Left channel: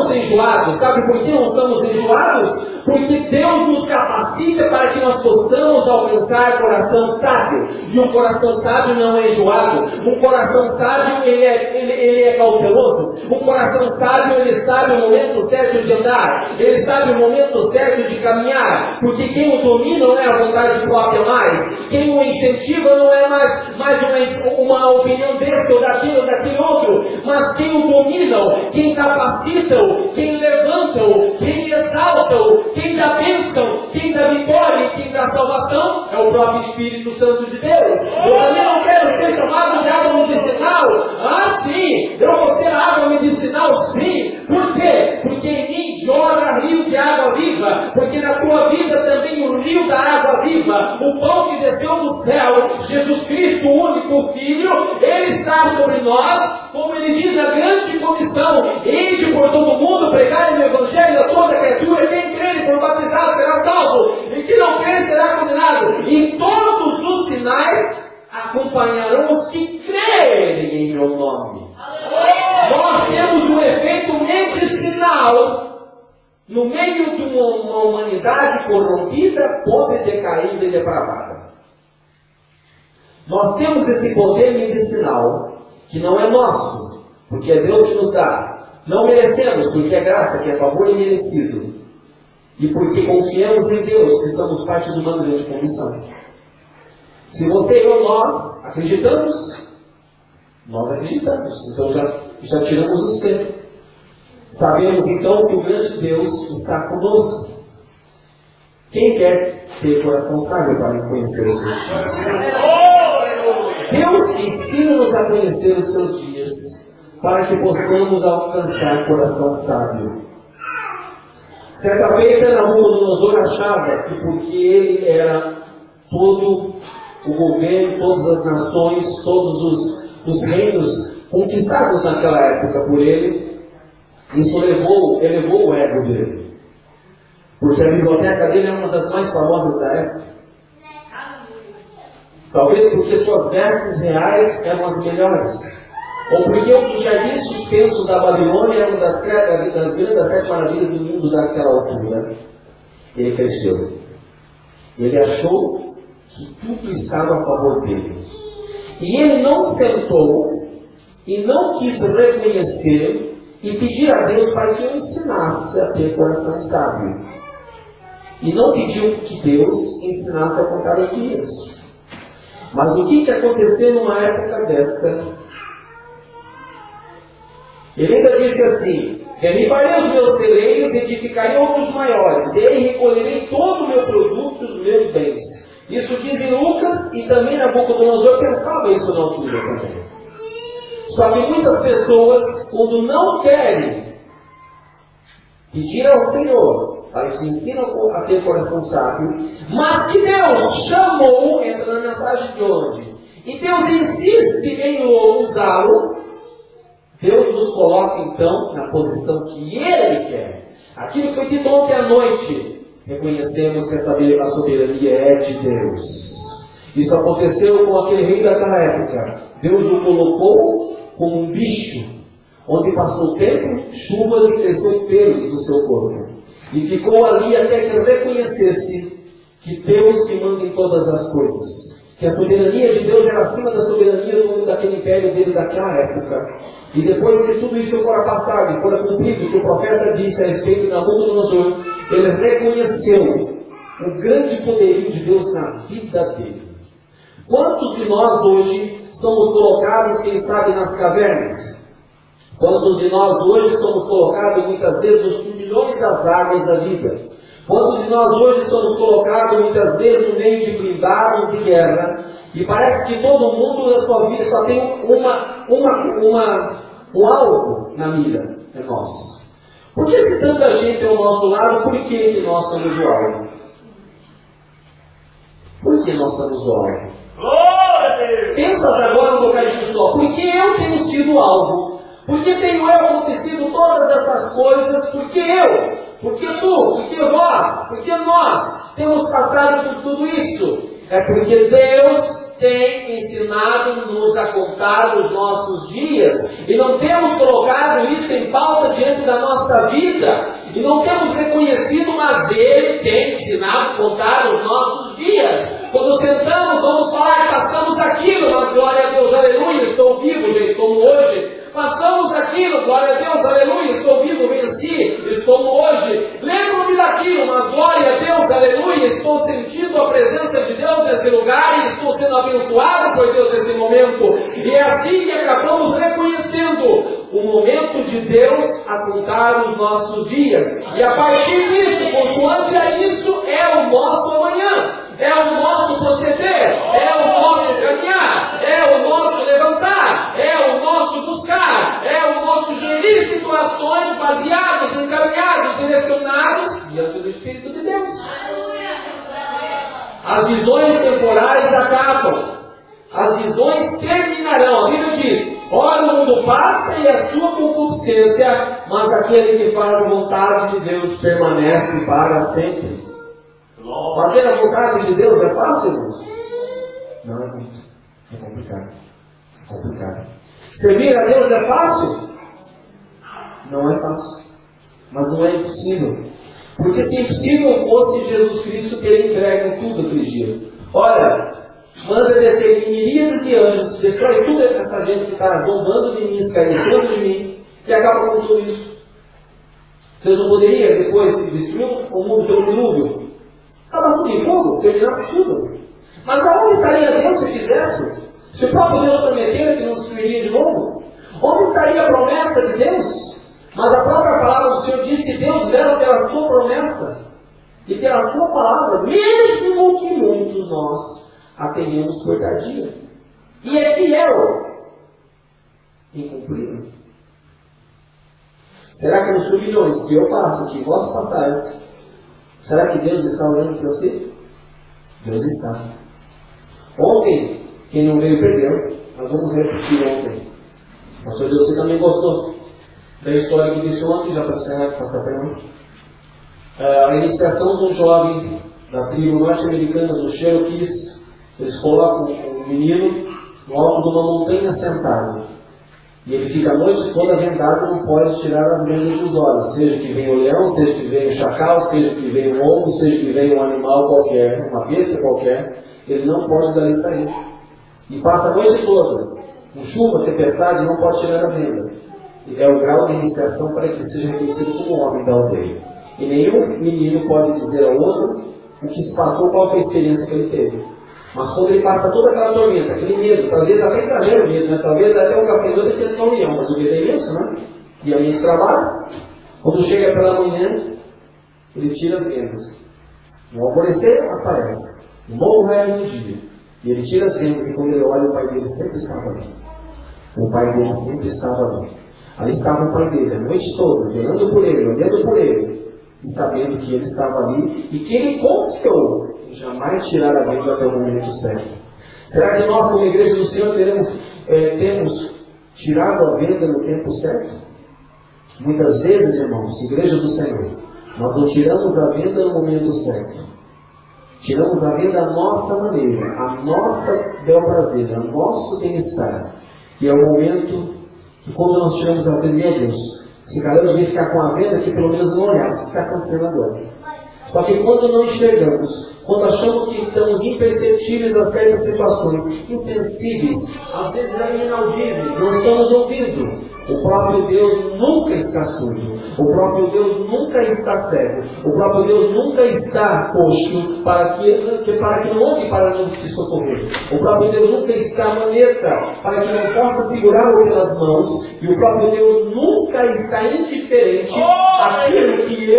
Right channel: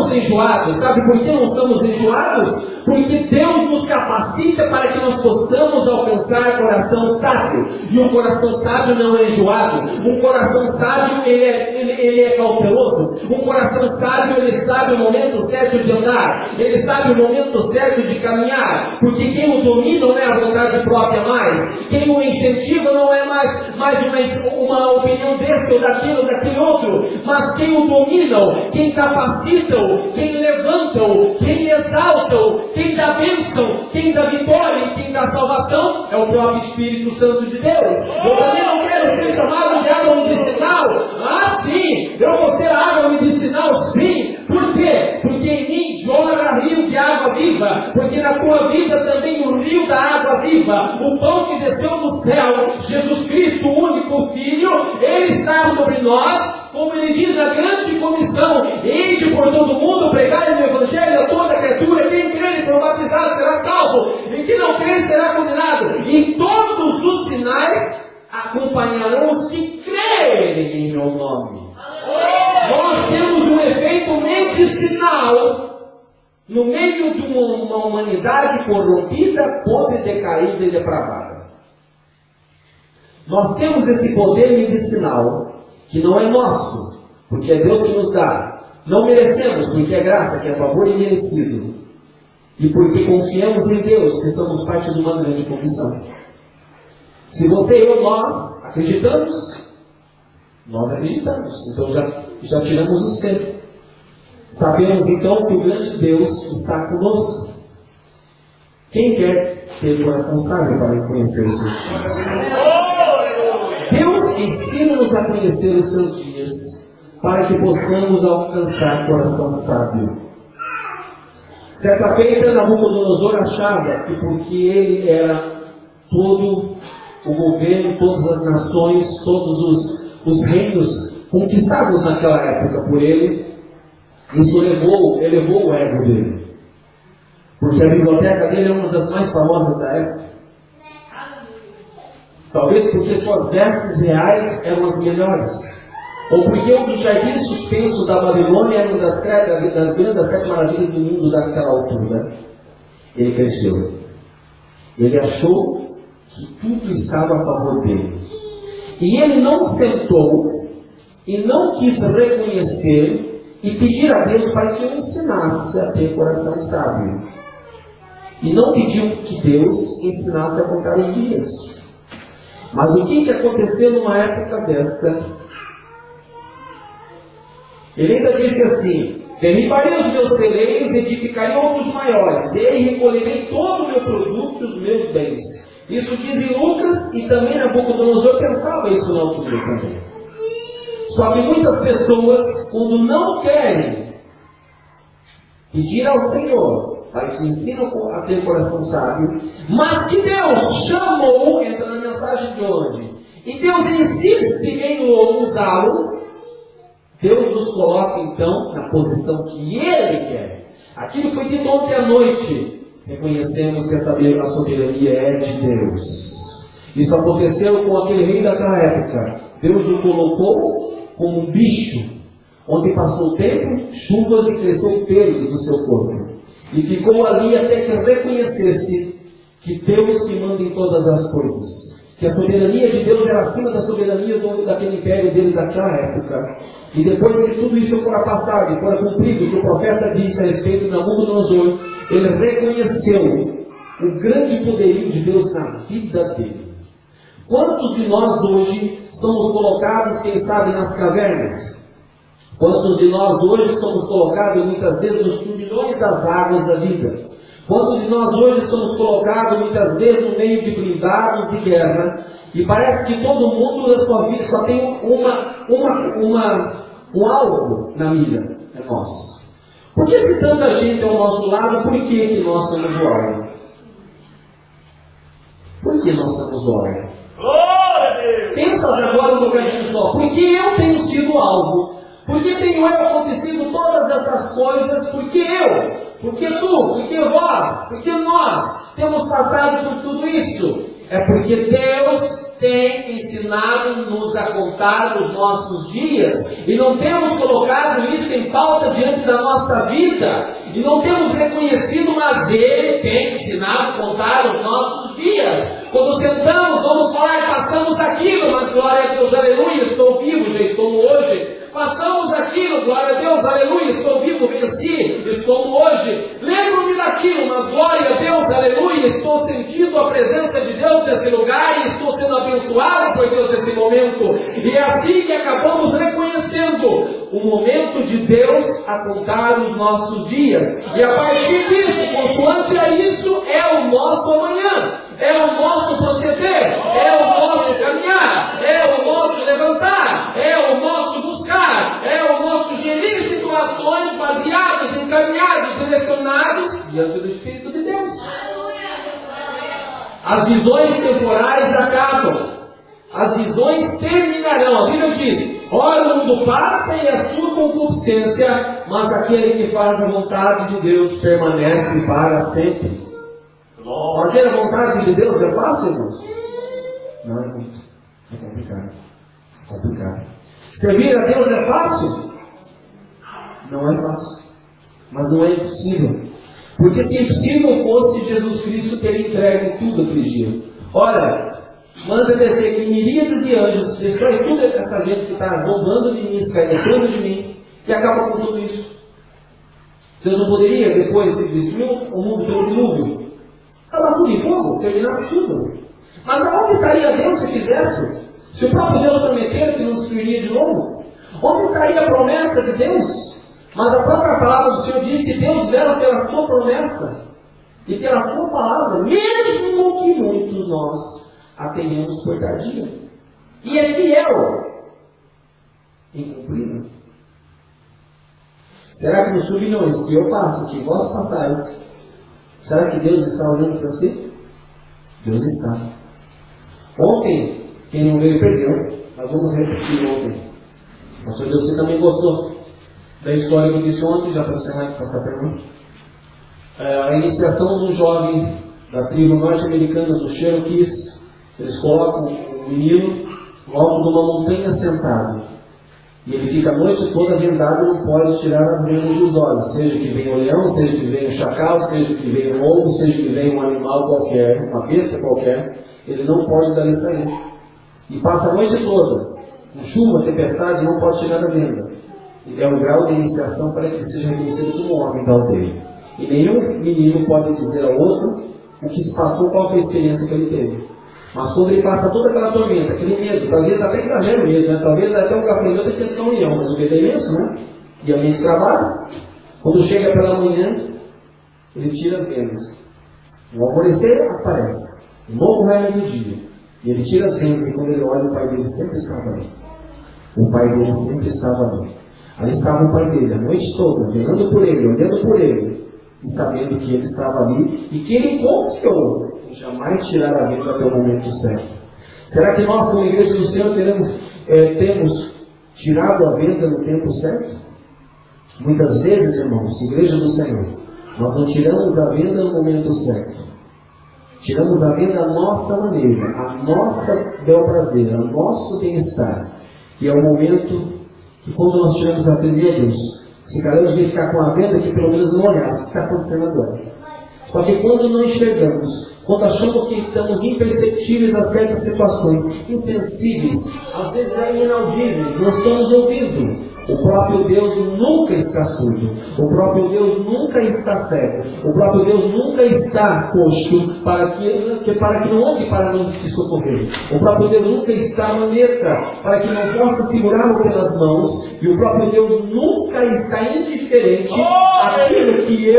estamos enjoados. Sabe por que não estamos enjoados? Porque Deus nos capacita para que nós possamos alcançar coração sábio. E um coração sábio não é enjoado. Um coração sábio, ele é cauteloso. Um coração sábio, ele sabe o momento certo de andar. Ele sabe o momento certo de caminhar. Porque quem o domina não é a vontade própria mais. Quem o incentiva não é mais uma opinião desse ou daquele outro. Mas quem o domina, quem capacita-o, quem levanta-o, quem exalta-o, quem dá bênção, quem dá vitória e quem dá salvação é o próprio Espírito Santo de Deus. Eu também não quero ser chamado de água medicinal. Ah, sim! Eu vou ser água medicinal, sim! Por quê? Porque em mim jorra rio de água viva. Porque na tua vida também o rio da água viva, o pão que desceu do céu, Jesus Cristo, o único Filho, Ele está sobre nós. Como ele diz na grande comissão, ide por todo mundo, pregai o Evangelho a toda criatura, quem crer e for batizado será salvo, e quem não crer será condenado. E todos os sinais acompanharão os que crerem em meu nome. Nós temos um efeito medicinal no meio de uma humanidade corrompida, podre, decaída e depravada. Nós temos esse poder medicinal que não é nosso, porque é Deus que nos dá. Não merecemos, porque é graça, que é favor imerecido. E porque confiamos em Deus, que somos parte de uma grande comissão. Se você e eu, nós acreditamos, nós acreditamos. Então já tiramos o ser. Sabemos então que o grande Deus está conosco. Quem quer ter coração sábio para conhecer os seus dias? Deus ensina-nos a conhecer os seus dias, para que possamos alcançar coração sábio. Certa feita, Nabucodonosor achava que porque ele era todo o governo, todas as nações, todos os reinos conquistados naquela época por ele, isso elevou o ego dele. Porque a biblioteca dele é uma das mais famosas da época. Talvez porque suas vestes reais eram as melhores. Ou porque um dos jardins suspensos da Babilônia era uma das grandes 7 maravilhas do mundo daquela altura. Ele cresceu. Ele achou que tudo estava a favor dele. E ele não sentou e não quis reconhecer e pedir a Deus para que o ensinasse a ter coração sábio. E não pediu que Deus ensinasse a contar os dias. Mas o que aconteceu numa época desta? Ele ainda disse assim: derribarei os meus celeiros, edificarei outros maiores, e aí recolherei todo o meu produto e os meus bens. Isso diz em Lucas, e também Nabucodonosor pensava isso na altura também. Só que muitas pessoas, quando não querem pedir ao Senhor para que ensinam a ter coração sábio, mas que Deus chamou, entra na mensagem de onde? E Deus insiste em usá-lo, Deus nos coloca então na posição que Ele quer. Aquilo que foi dito ontem à noite, reconhecemos que a soberania é de Deus. Isso aconteceu com aquele rei daquela época. Deus o colocou como um bicho, onde passou o tempo, chuvas e cresceu pelos no seu corpo. E ficou ali até que reconhecesse que Deus que manda em todas as coisas. Que a soberania de Deus era acima da soberania daquele império dele daquela época. E depois que tudo isso fora passado e fora cumprido, o que o profeta disse a respeito de Nabucodonosor, ele reconheceu o grande poderio de Deus na vida dele. Quantos de nós hoje somos colocados, quem sabe, nas cavernas? Quantos de nós hoje somos colocados muitas vezes nos turbilhões das águas da vida? Quantos de nós hoje somos colocados muitas vezes no meio de blindados de guerra? E parece que todo mundo na sua vida só tem um alvo na mira, é nós. Por que se tanta gente ao nosso lado, por que nós somos o alvo? Por que nós somos o alvo? Pensa agora um bocadinho só. Por que eu tenho sido alvo? Por que tenho eu acontecido todas essas coisas? Por que eu? Por que tu? Por que vós? Por que nós temos passado por tudo isso? É porque Deus tem ensinado-nos a contar os nossos dias. E não temos colocado isso em pauta diante da nossa vida. E não temos reconhecido, mas Ele tem ensinado a contar os nossos dias. Quando sentamos, vamos falar, passamos aquilo, mas glória a Deus, aleluia, estou vivo, já estou hoje. Passamos aquilo, glória a Deus, aleluia, estou vivo, venci, estou hoje. Lembro-me daquilo, mas glória a Deus, aleluia, estou sentindo a presença de Deus nesse lugar e estou sendo abençoado por Deus nesse momento. E é assim que acabamos reconhecendo o momento de Deus a contar os nossos dias. E a partir disso, consoante a isso, é o nosso amanhã. É o nosso proceder, é o nosso caminhar, é o nosso levantar, é o nosso buscar, é o nosso gerir situações baseadas, encaminhados, direcionados diante do Espírito de Deus. As visões temporais acabam, as visões terminarão. A Bíblia diz: ora o mundo passa e a sua concupiscência, mas aquele que faz a vontade de Deus permanece para sempre. Fazer a vontade de Deus é fácil, irmãos? Não é muito. É complicado. É complicado. Servir a Deus é fácil? Não é fácil. Mas não é impossível. Porque se impossível fosse, Jesus Cristo teria entregue tudo aquele dia. Ora, manda descer aqui miríades de anjos, destrói toda essa gente que está roubando de mim, escarnecendo de mim, e acaba com tudo isso. Deus não poderia, depois, se destruir o mundo pelo dilúvio, acabar tudo em fogo, terminasse tudo. Mas aonde estaria Deus se fizesse? Se o próprio Deus prometera que não destruiria de novo? Onde estaria a promessa de Deus? Mas a própria palavra do Senhor diz que Deus vela pela sua promessa e pela sua palavra, mesmo que muitos nós a tenhamos por tardia. E é fiel em cumprir. Será que nos milhões que eu passo, que vós passares, será que Deus está olhando para você? Deus está. Ontem, quem não veio perdeu. Nós vamos repetir ontem. Pastor Deus, você também gostou da história que eu disse ontem, já para passar para nós? A iniciação de um jovem da tribo norte-americana dos Cherokees. Eles colocam um menino no alto de uma montanha sentado. E ele fica a noite toda vendado, não pode tirar as vendas dos olhos. Seja que venha o leão, seja que venha o chacal, seja que venha um lobo, seja que venha um animal qualquer, uma besta qualquer, ele não pode dali sair. E passa a noite toda, com chuva, tempestade, não pode tirar a venda. E é o grau de iniciação para que ele seja reconhecido como homem da aldeia. E nenhum menino pode dizer ao outro o que se passou, qual foi a experiência que ele teve. Mas quando ele passa toda aquela tormenta, aquele medo, talvez até exagero mesmo, né? Talvez até o cafezinho tem que ser um leão, mas o medo é imenso, né? E alguém de trabalho, quando chega pela manhã, ele tira as vendas. No alvorecer aparece, um novo raio do dia. E ele tira as vendas e quando ele olha, o pai dele sempre estava ali. O pai dele sempre estava ali. Ali estava o pai dele, a noite toda, velando por ele, olhando por ele, e sabendo que ele estava ali e que ele confiou em jamais tirar a venda até o momento certo. Será que nós, como igreja do Senhor, temos tirado a venda no tempo certo? Muitas vezes, irmãos, igreja do Senhor, nós não tiramos a venda no momento certo. Tiramos a venda à nossa maneira, a nossa bel prazer, ao nosso bem-estar. E é o momento que quando nós tiramos a venda, meu Deus, se caramba de ficar com a venda que pelo menos não olhar o que está acontecendo agora. Só que quando não enxergamos, quando achamos que estamos imperceptíveis a certas situações, insensíveis, às vezes é inaudível, não estamos ouvindo. O próprio Deus nunca está surdo. O próprio Deus nunca está cego. O próprio Deus nunca está coxo para que não ande para não te socorrer. O próprio Deus nunca está maneta para que não possa segurá-lo pelas mãos. E o próprio Deus nunca está indiferente àquilo que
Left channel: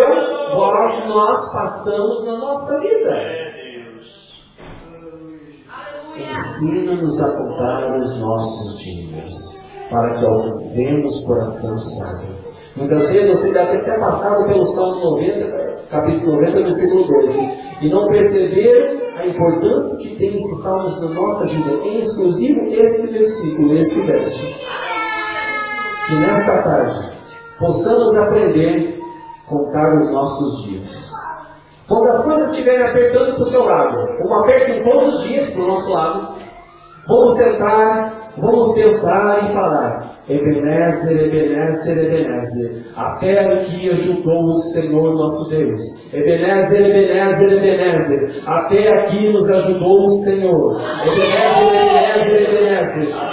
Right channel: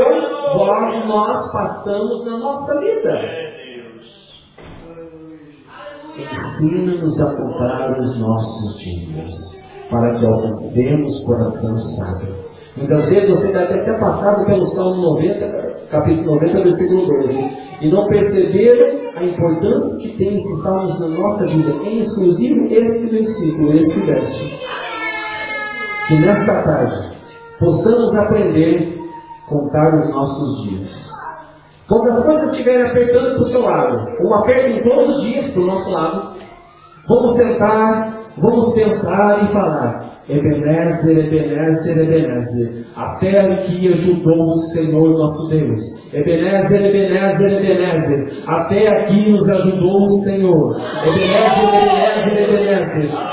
nós passamos na nossa vida. Ensina-nos a contar os nossos dias, para que alcancemos coração sábio. Muitas vezes você deve ter passado pelo Salmo 90, capítulo 90, versículo 12, e não perceberam a importância que tem esses salmos na nossa vida, em exclusivo este versículo, este verso. Que nesta tarde possamos aprender a contar os nossos dias. Quando as coisas estiverem apertando para o seu lado, como apertam todos os dias para o nosso lado, vamos sentar, vamos pensar e falar: Ebenezer, Ebenezer, Ebenezer, até aqui ajudou o Senhor nosso Deus. Ebenezer, Ebenezer, Ebenezer, até aqui nos ajudou o Senhor. Ebenezer, Ebenezer, Ebenezer.